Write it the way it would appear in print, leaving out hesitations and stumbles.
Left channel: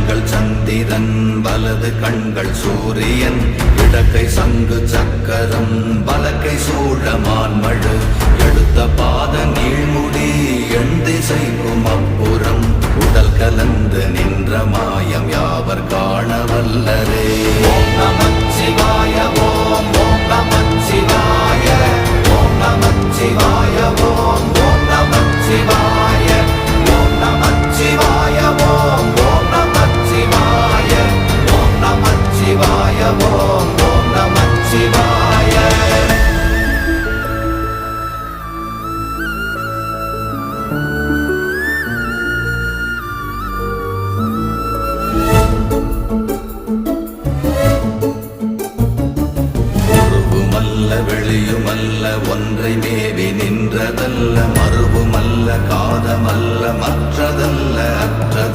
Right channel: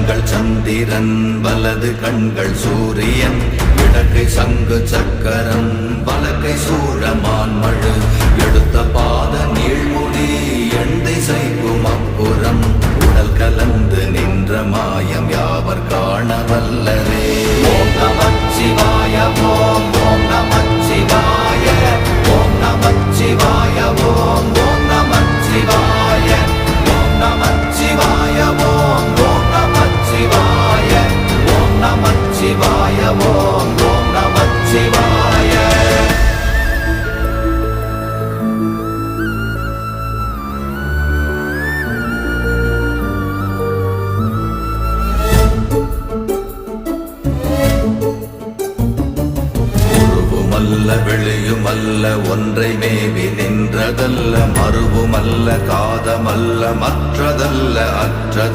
கண்கள் சந்திரன் வலது கண்கள் சூரியன் இடக்கை சங்கு சக்கரம் வலக்கை சூழமான்மழு எடுத்த பாத நீழ்முடி எண் திசைக்கும் அப்புறம் உடல் கலந்து நின்ற மாயம் யாவர் காண வல்லரே. ஓம் நமச்சிவாய ஓம் ஓம் நமச்சிவாய ஓம் நமச்சிவாய ஓம் ஓம் நமச்சிவாய ஓம் நமச்சிவாய ஓம் ஓம் நமச்சிவாய ஓம் நமச்சிவாய ஓம் ஓம் நமச்சிவாய. வெளியுமல்ல ஒன்றை மேவி நின்றதல்ல மறுவுமல்ல காதமல்ல மற்றதல்ல அற்றது